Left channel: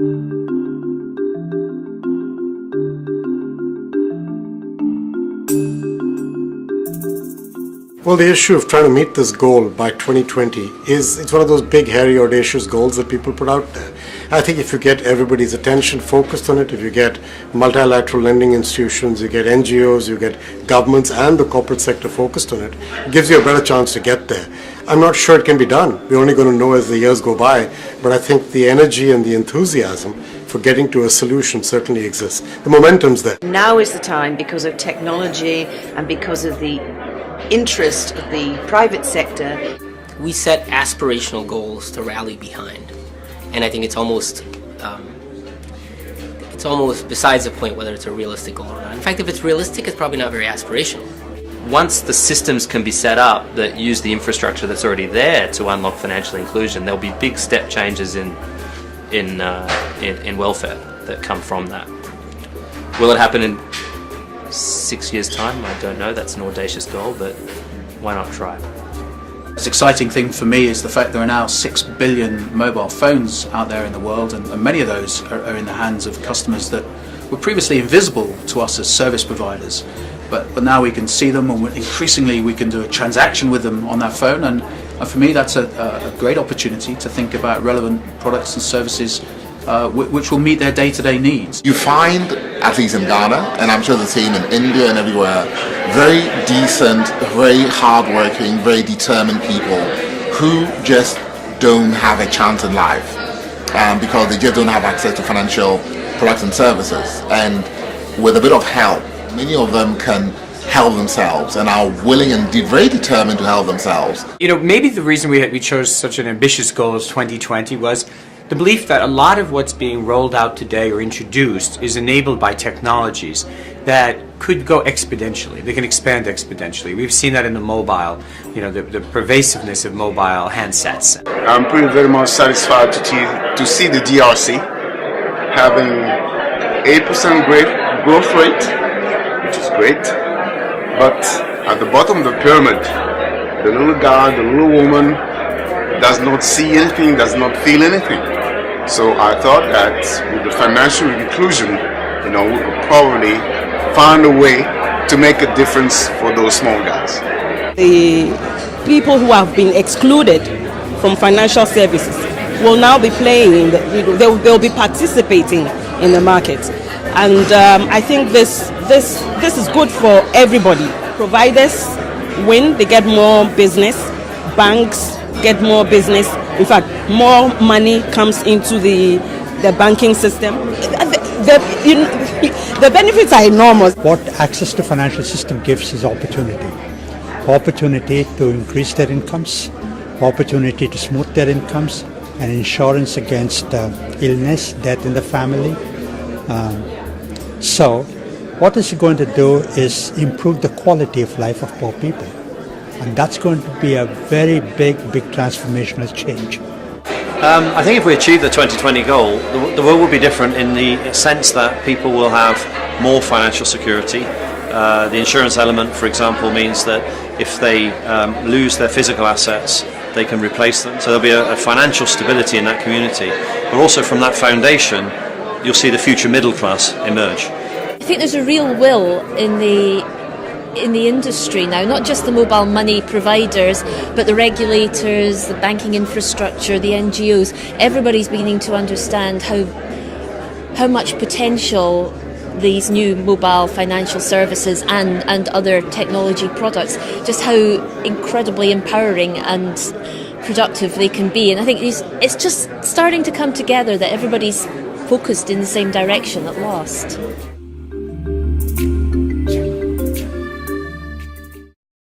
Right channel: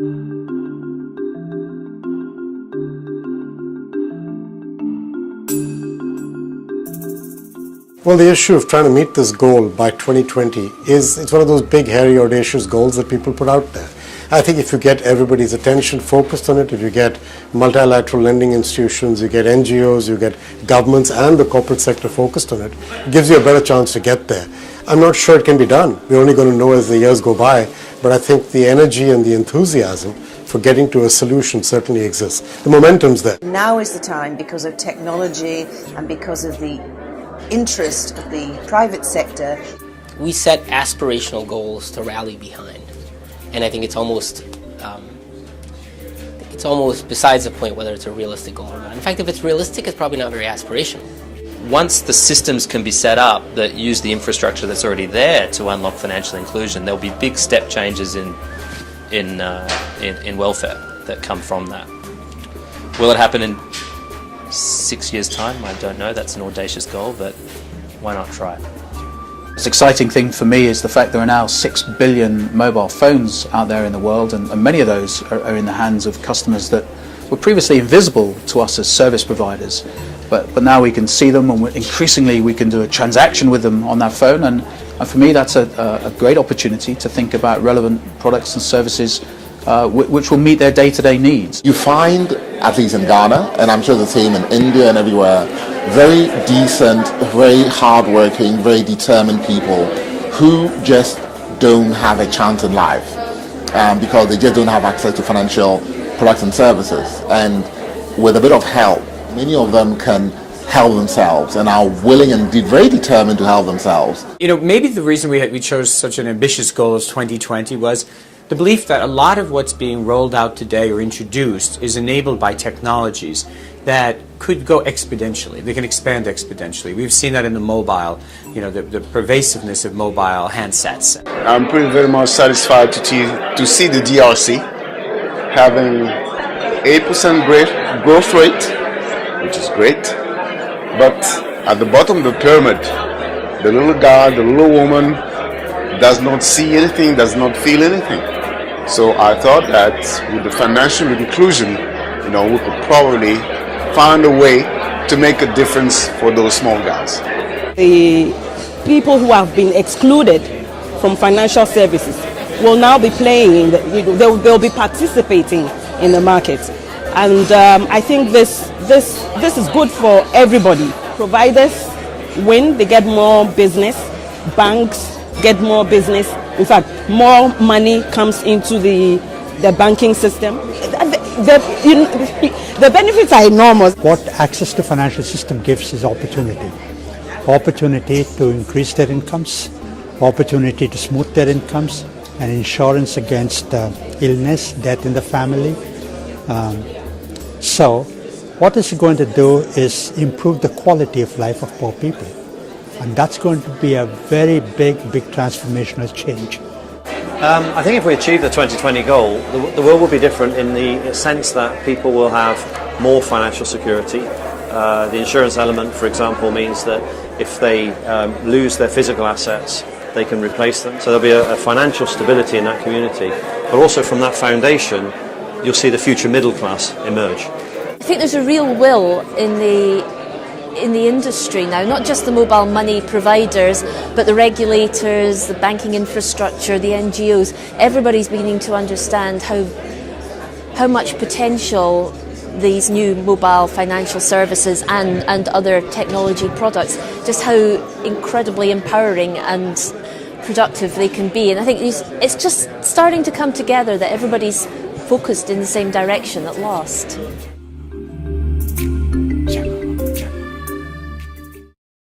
Well, the issue of trying to meet this goal by 2020 it's one of those big, hairy, audacious goals that people put out there. I think if you get everybody's attention focused on it, if you get multilateral lending institutions, you get NGOs, you get governments and the corporate sector focused on it, it gives you a better chance to get there. I'm not sure it can be done. We're only going to know as the years go by, but I think the energy and the enthusiasm for getting to a solution certainly exists. The momentum's there. Now is the time, because of technology and because of the interest of the private sector. We set aspirational goals to rally behind, and I think it's almost besides the point whether it's a realistic goal or not. In fact, if it's realistic, it's probably not very aspirational. Once the systems can be set up that use the infrastructure that's already there to unlock financial inclusion, there'll be big step changes in welfare that come from that. Will it happen in 6 years' time? I don't know. That's an audacious goal, but why not try? The exciting thing for me is the fact there are now 6 billion mobile phones out there in the world, and many of those are in the hands of customers that were previously invisible to us as service providers. But now we can see them, and increasingly we can do a transaction with them on that phone, and for me that's a great opportunity to think about relevant products and services which will meet their day-to-day needs. You find, at least in Ghana, and I'm sure the same in India and everywhere, very decent, very hard-working, very determined people who just don't have a chance in life because they just don't have access to financial products and services. And with a bit of help, many of them can help themselves and are willing and very determined to help themselves. Maybe the reason we chose such an ambitious goal as 2020 was the belief that a lot of what's being rolled out today or introduced is enabled by technologies that could go exponentially. They can expand exponentially. We've seen that in the mobile, the pervasiveness of mobile handsets. I'm very much satisfied to see the DRC having 8% growth rate, which is great. But at the bottom of the pyramid, the little guy, the little woman does not see anything, does not feel anything. So I thought that with financial inclusion, we could probably find a way to make a difference for those small guys. The people who have been excluded from financial services will now be playing, they'll be participating in the market. And I think this is good for everybody. Providers win, they get more business, banks get more business. In fact, more money comes into the banking system. The benefits are enormous. What access to financial system gives is opportunity. Opportunity to increase their incomes, opportunity to smooth their incomes, and insurance against illness, death in the family. So what it's going to do is improve the quality of life of poor people. And that's going to be a very big transformational change. I think if we achieve the 2020 goal, the world will be different in the sense that people will have more financial security. The insurance element, for example, means that if they lose their physical assets, they can replace them. So there'll be a financial stability in that community. But also from that foundation, you'll see the future middle class emerge. I think there's a real will in the industry now, not just the mobile money providers, but the regulators, the banking infrastructure, the NGOs. Everybody's beginning to understand how much potential these new mobile financial services and other technology products, just how incredibly empowering and productive they can be. And I think it's just starting to come together that everybody's focused in the same direction at last.